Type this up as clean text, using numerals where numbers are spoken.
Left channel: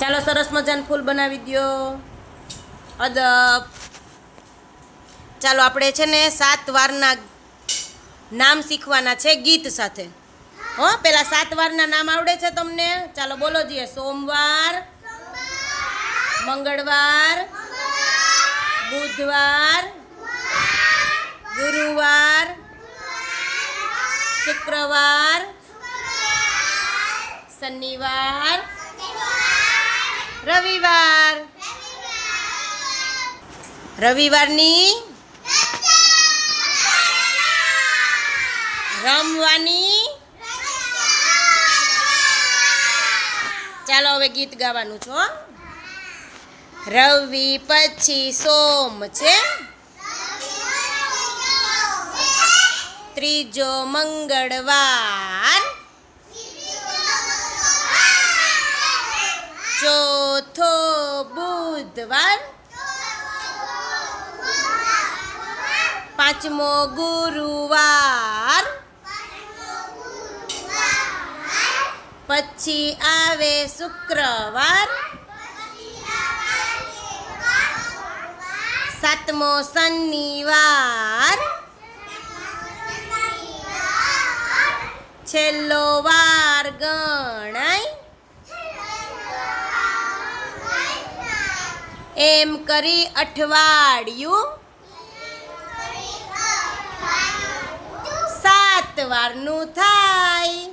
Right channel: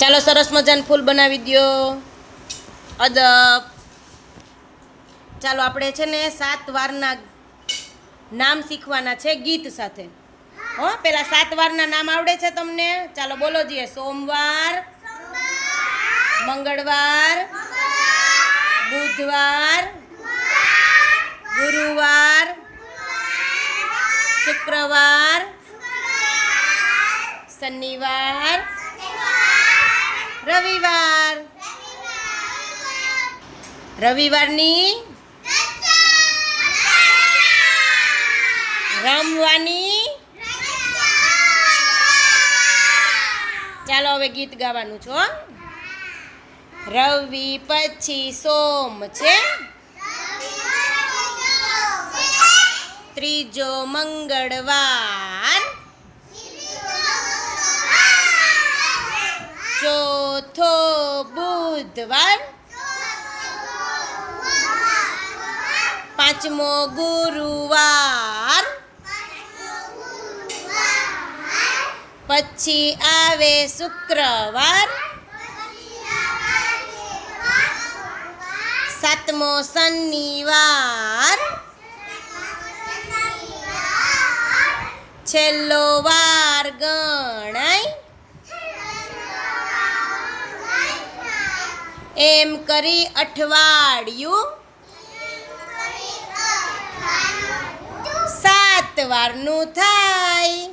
ચાલો સરસ મજાનું ફૂલ બનાવી દો. અદબ. ચાલો આપણે છે ને 7 વારના નામ શીખવાના છે ગીત સાથે. હો પેલા 7 વારના નામ આવડે છે તમને? ચાલો બોલો જીએ. સોમવાર, મંગળવાર, બુધવાર, ગુરુવાર, શુક્રવાર, શનિવાર, રવિવાર. રવિવારની રમવાની. ચાલો હવે ગીત ગાવાનું છો. રવિ પછી સોમ છે, ત્રીજો મંગળવાર, ચોથો બુધવાર, પાંચમો ગુરુવાર, પછી આવે શુક્રવાર, સાતમો શનિવાર, છેલ્લો વાર ગણાય. એમ કરી અઠવાડિયું 7 વારનું થાય.